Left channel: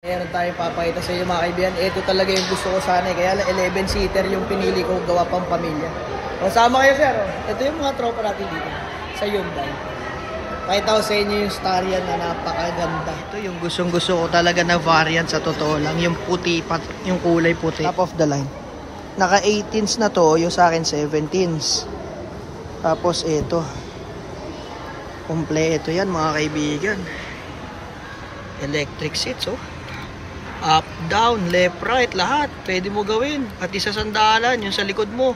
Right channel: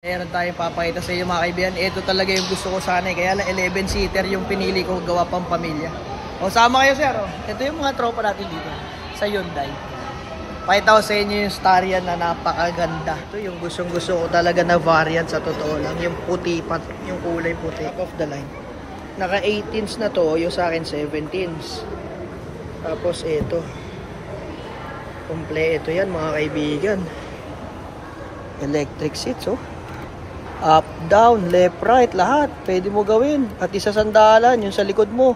Meron tayong papakita sa inyo mga kaibigan. Ito talaga yung gusto ko sana. Kaya lang 11-seater yung pinili ko gawa pang pamilya. O sama kayo sir. Ito yung mga tropa natin dito sa Hyundai. Pakita ko sa inyo yung Starion na napakaganda. Ito yung gustong gusto ko talaga na variant sa totoo lang. Yung puti, yung kulay puti. Top of the line. Naka 18s na to. Yung sa akin 17s. Tapos ito. Kompleto yan mga kaibigan. Electric seats oh. Up, down, left, right, lahat. Pwede mo gawin. At isa sandalan, yung sa likod mo.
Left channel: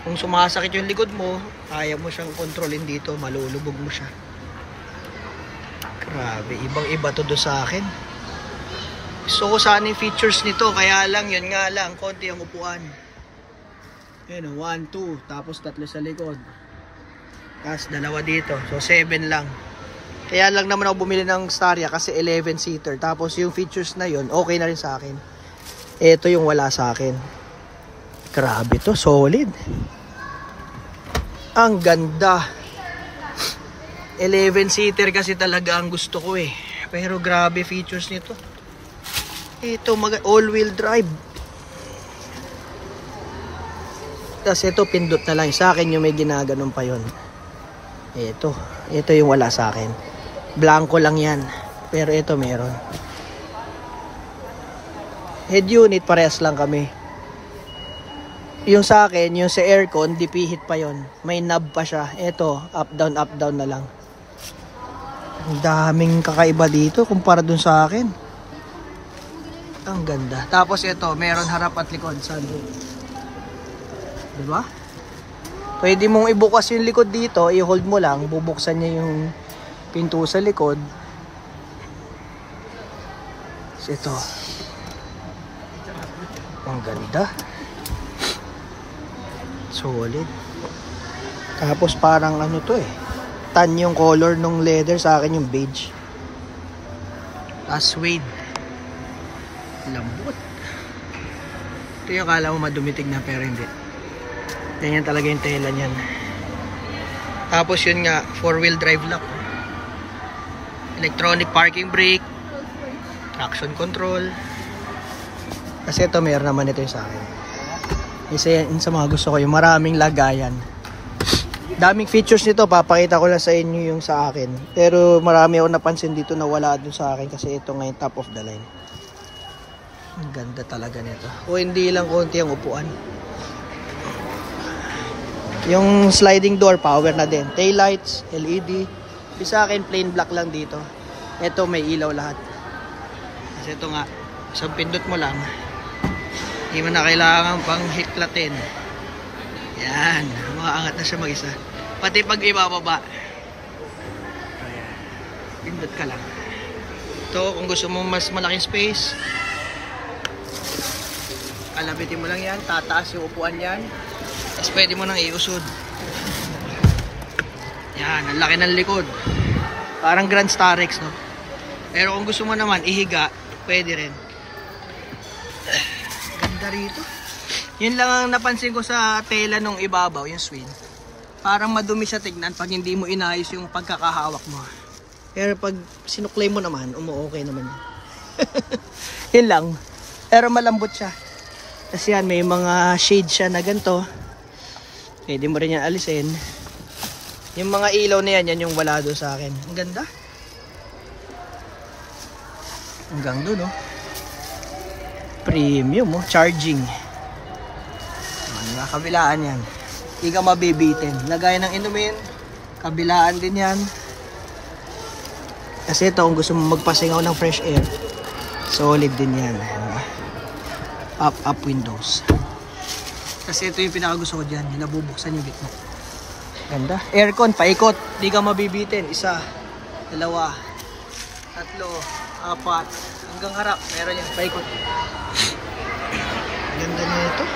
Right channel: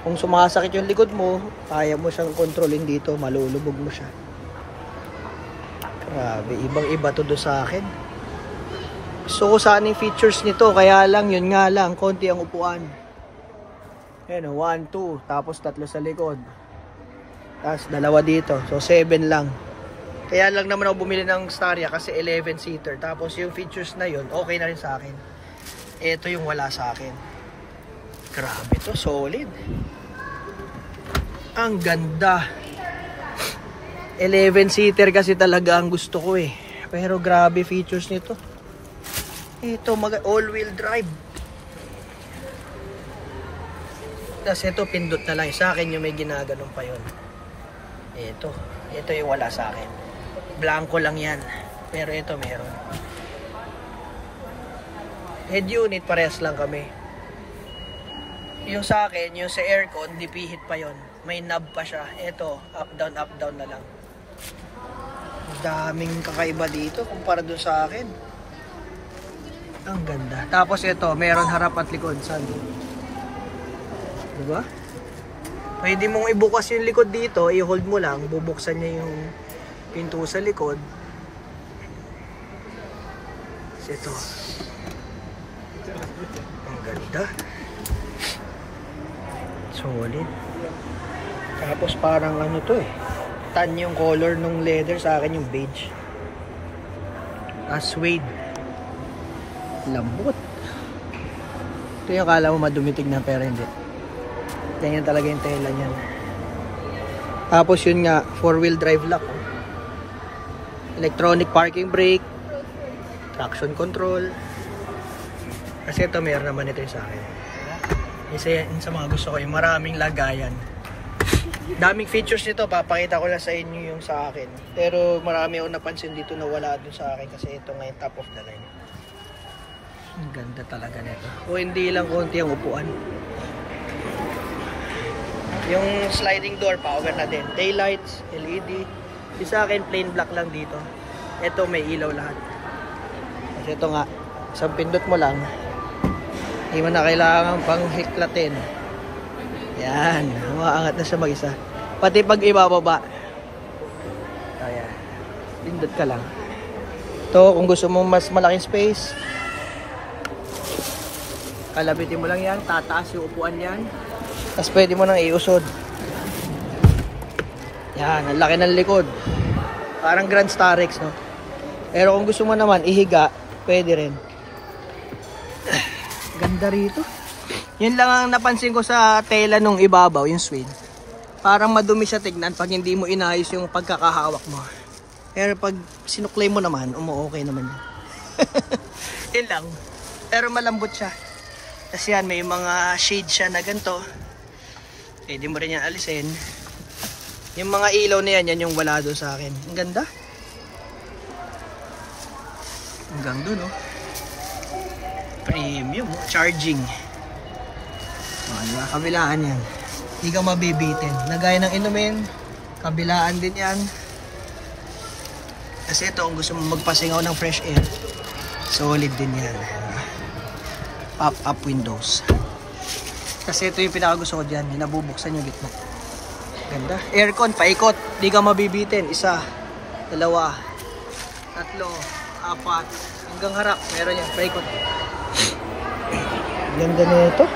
Kung sumasakit yung likod mo, kaya mo siyang kontrolin dito. Malulubog mo siya. Grabe, ibang iba to do sa akin. Gusto ko sana yung features nito. Kaya lang, yun nga lang, konti ang upuan. Ayan o, 1, 2. Tapos 3 sa likod. Tapos 2 dito. So 7 lang. Kaya lang naman ako bumili ng Starion kasi 11-seater. Tapos yung features na yun, okay na rin sa akin. Ito yung wala sa akin. Grabe to, solid. Ang ganda. 11-seater kasi talaga ang gusto ko eh. Pero grabe features nito. Ito, all-wheel drive. Tapos ito, pindot na lang. Sa akin yung may ginaganon pa yun. Ito yung wala sa akin. Blanco lang yan. Pero ito meron. Head unit, parehas lang kami. Yung sa akin, yung sa aircon, dipihit pa yon. May knob pa siya. Ito, up down na lang. Ang daming kakaiba dito kumpara dun sa akin. Ang ganda. Tapos ito, meron harap at likod. Sunroof. Diba? Pwede mong ibukas yung likod dito, i-hold mo lang, bubuksan niya yung pinto sa likod. So ito. Ang ganda. Solid. Tapos parang ano to eh. Tan yung color ng leather, sa akin yung beige. Suede. Lambot. Ito yung akala mo madumitig na pero hindi. Ganyan talaga yung tela niyan. Tapos yun nga, 4-wheel drive lock. Electronic parking brake. Traction control. Kasi ito, mayroon naman ito yung sa akin. Isa sa mga gusto ko, yung maraming lagayan. Daming features nito, papakita ko lang sa inyo yung sa akin. Pero marami ako napansin dito na wala dun sa akin kasi ito ngayon top of the line. Ang ganda talaga nito. O hindi lang konti ang upuan. Yung sliding door, power na din. Taillights, LED. Yung sa akin, plain black lang dito. Ito, may ilaw lahat. Kasi ito nga, isang pindot mo lang. Hindi mo na kailangan pang hiklatin. Yan, umaangat na siya mag-isa. Pati pag ibababa. Ayan, pindot ka lang. Ito, kung gusto mo mas malaking space, kalabitin mo lang yan, tataas yung upuan yan. Tapos pwede mo nang iusod. Yan, ang laki ng likod. Parang Grand Starex, no? Pero kung gusto mo naman ihiga, pwede rin. Ganda rito. Yun lang ang napansin ko sa tela nung ibabaw, yung suede. Parang madumi siya tignan pag hindi mo inayos yung pagkakahawak mo. Pero pag sinuklay mo naman, okay naman yan. Yun lang. Pero malambot siya. Kasi yan, may mga shade siya na ganito. Pwede mo rin yan alisin. Yung mga ilaw na yan, yan yung wala doon sa akin. Ang ganda. Hanggang doon, oh. Premium, oh. Charging. Diba? Kabilaan yan. Hindi ka mabibitin. Lagay ng inumin. Kabilaan din yan. Kasi ito, kung gusto mo magpasingaw ng fresh air, solid din yan. Diba? Pop-up windows. Kasi ito yung pinakagusto ko dyan. Yung nabubuksan yung gitna. Ganda. Aircon, paikot. Di ka mabibitin. 1, 2, 3, 4. Hanggang harap. Meron yan. Paikot. Ganda na ito.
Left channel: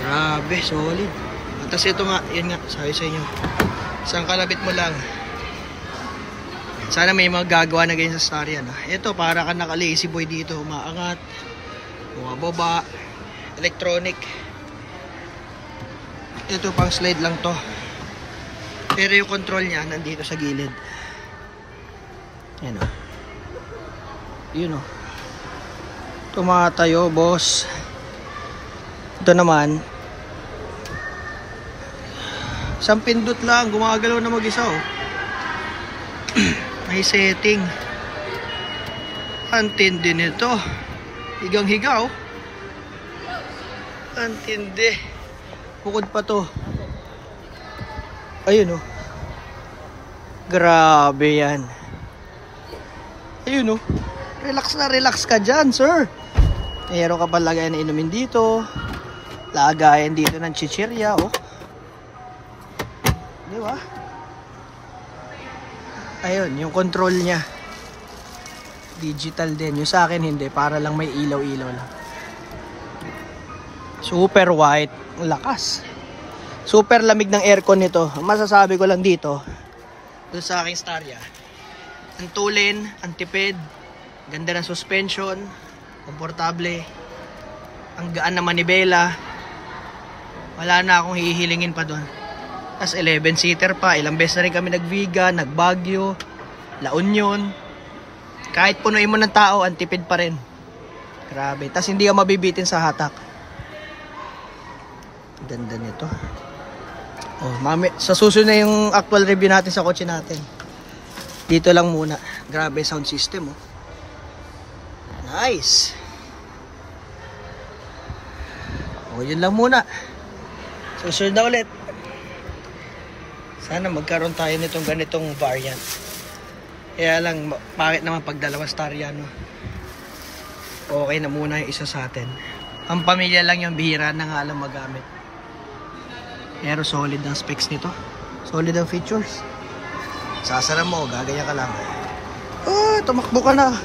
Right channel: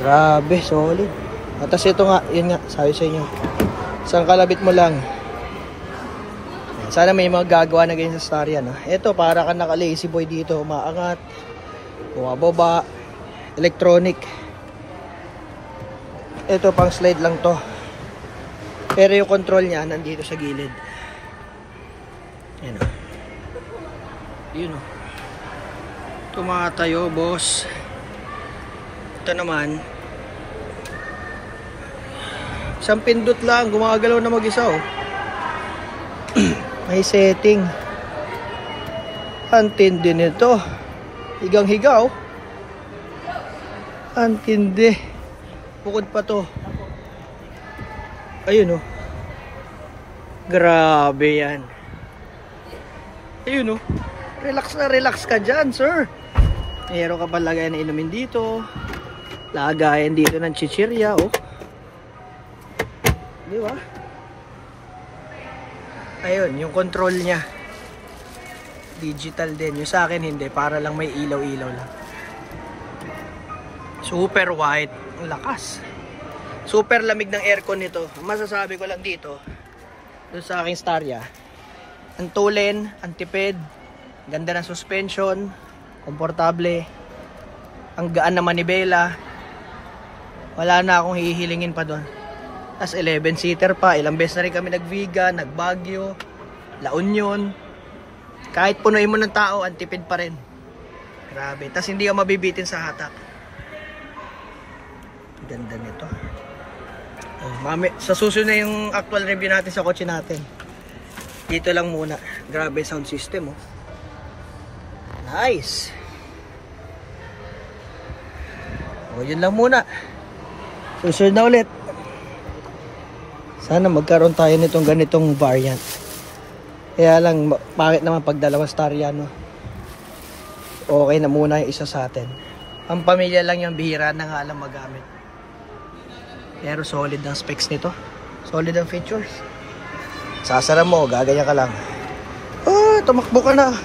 Grabe. Solid. At ito nga. Yun nga. Sabi sa inyo. Isang kalabit mo lang. Sana may mga gagawa na ganyan sa Starion. Ito, para ka naka-lazy boy dito. Umaangat. Bumababa. Electronic. Ito pang slide lang to. Pero yung control niya nandito sa gilid. Yan o. Yun o. Tumatayo, boss. Ito naman, isang pindot lang, gumagalaw na mag-isa oh. May setting. Antindi nito. Higang higaw. Antindi. Bukod pa to. Ayun oh. Grabe yan. Ayun oh. Relax na relax ka dyan, sir. Meron ka pa lagayan na inumin dito. Lagayan dito ng chichirya oh. Di ba? Ayun, yung control niya. Digital din. Yung sa akin hindi, para lang may ilaw-ilaw lang. Super white. Ang lakas. Super lamig ng aircon nito. Ang masasabi ko lang dito, doon sa aking Staria, ang tulin, ang tipid, ganda ng suspension, komportable, ang gaan na manibela. Wala na akong hihilingin pa doon. Tapos 11-seater pa. Ilang beses na rin kami nag-Viga, nag-Baguio, La Union. Kahit punuin mo ng tao, ang tipid pa rin. Grabe. Tapos hindi ka mabibitin sa hatak. Ganda nito. Oh, mami, sa susunod na yung actual review natin sa kotse natin. Dito lang muna. Grabe sound system oh. Nice. O, yun lang muna. Susunod na ulit. Sana magkaroon tayo nitong ganitong variant. Kaya lang, bakit naman pag dalawang Staria, no? Okay na muna yung isa sa atin. Ang pamilya lang yung bihira na nga lang magamit. Pero solid ang specs nito. Solid ang features. Sasara mo, gagaya ka lang. Oh, tumakbo ka na.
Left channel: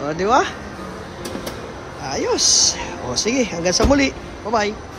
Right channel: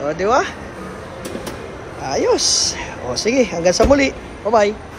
O, di ba? Ayos. O, sige, hanggang sa muli. Bye-bye.